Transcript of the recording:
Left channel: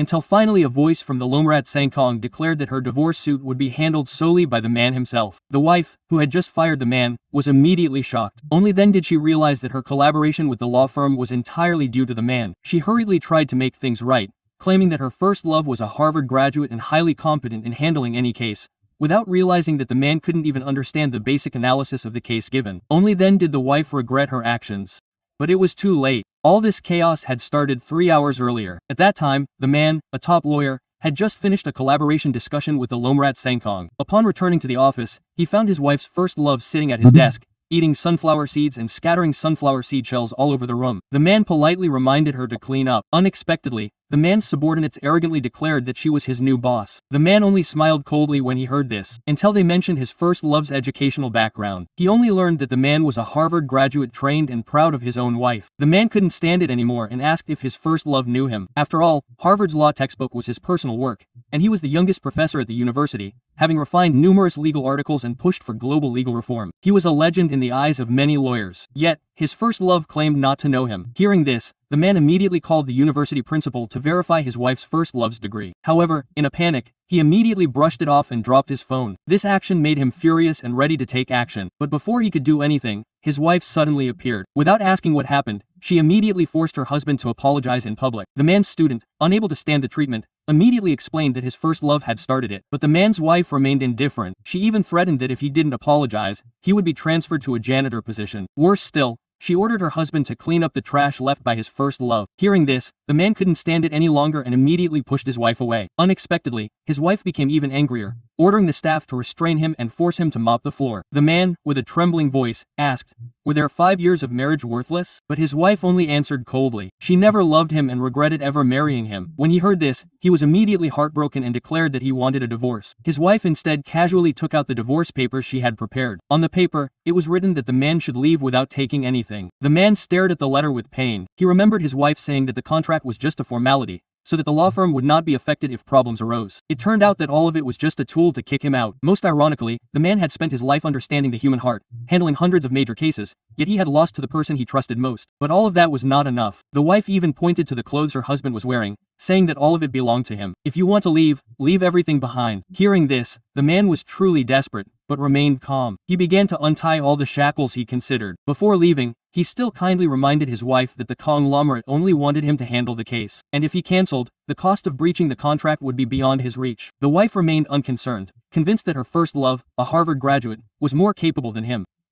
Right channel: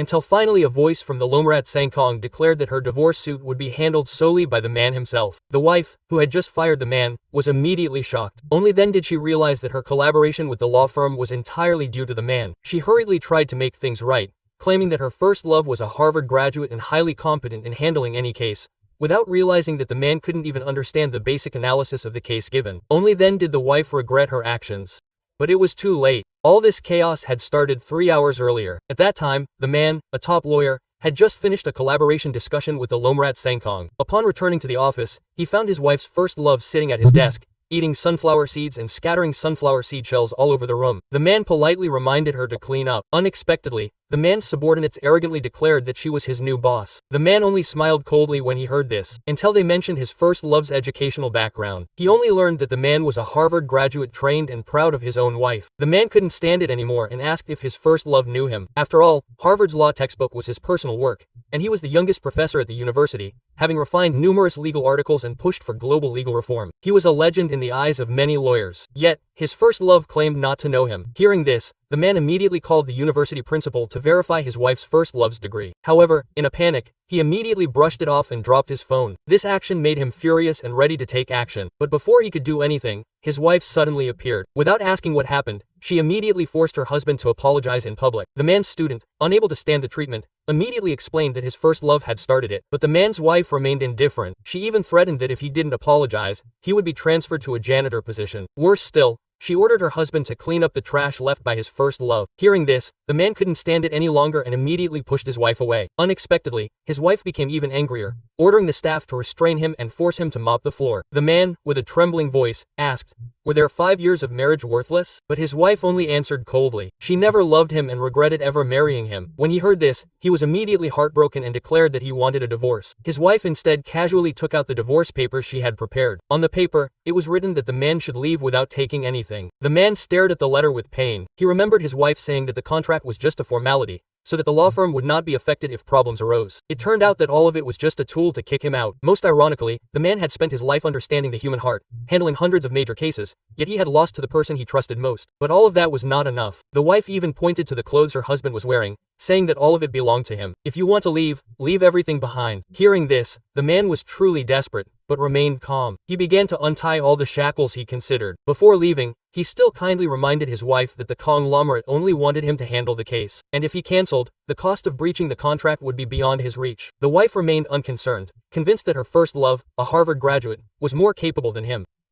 until finally a voice from the Lomrat Sangkong declared that her divorce suit would be handled solely by the man himself. The wife, who had just fired the man, was immediately shocked. Only then did she realize that her collaboration with the law firm was entirely due to the man. She hurriedly tried to make things right, claiming that her first love was a Harvard graduate and highly competent in handling any case, without realizing that the man couldn't even understand the basic analysis of the case given. Only then did the wife regret her actions. But it was too late. All this chaos had started 3 hours earlier. At that time, the man, a top lawyer, had just finished a collaboration discussion with the Lomrat Sangkong. Upon returning to the office, he found his wife's first love sitting at his desk, eating sunflower seeds and scattering sunflower seed shells all over the room. The man politely reminded her to clean up. Unexpectedly, the man's subordinates arrogantly declared that she was his new boss. The man only smiled coldly when he heard this, until they mentioned his first love's educational background. He only learned that the man was a Harvard graduate trained and proud of his own wife. The man couldn't stand it anymore and asked if his first love knew him. After all, Harvard's law textbook was his personal work, and he was the youngest professor at the university, having refined numerous legal articles and pushed for global legal reform. He was a legend in the eyes of many lawyers. Yet, his first love claimed not to know him. Hearing this, the man immediately called the university principal to verify his wife's first love's degree. However, in a panic, he immediately brushed it off and dropped his phone. This action made him furious and ready to take action. But before he could do anything, his wife suddenly appeared. Without asking what happened, she immediately forced her husband to apologize in public. The man's student, unable to stand the treatment, immediately explained that his first love had started it. But the man's wife remained indifferent. She even threatened that if he didn't apologize, he would be transferred to a janitor position. Worse still, she ordered her husband to clean up the trash left by his first love. Hearing this, the man couldn't stand it any longer and immediately pushed his wife away. Unexpectedly, his wife became even angrier, ordering the staff to restrain him and force him to mop the floor. The man, with a trembling voice, asked, "Were their 5 years of marriage worthless?" But his wife only answered coldly. She never loved him and regretted ever marrying him. When he heard this, he was immediately heartbroken and declared that he wanted a divorce. His wife instead casually took out the divorce papers she had prepared. On the paper, it was written that the man should leave without taking anything. The man stared at the letter with pain. He remembered his wife saying that the contract was just a formality, so that the law firm would not be affected if problems arose. It turned out that all of it was just a tool to kick him out. Most ironically, the man had spent his life understanding the human heart, handling hundreds of major cases, yet he had lost to the person he trusted most. But all of that was not enough. The wife even pointed to the clothes her husband was wearing, saying that all of it belonged to him. "If you want to leave, leave everything behind." Hearing this, the man was truly desperate, but remained calm. He began to untie all the shackles he considered. Before leaving, he still kindly reminded his wife that the conglomerate only wanted him to handle the case, and if he cancelled, the cost of breaching the contract would be beyond his reach. The wife remained unconcerned, convinced that her first love, a Harvard graduate, was more capable than him.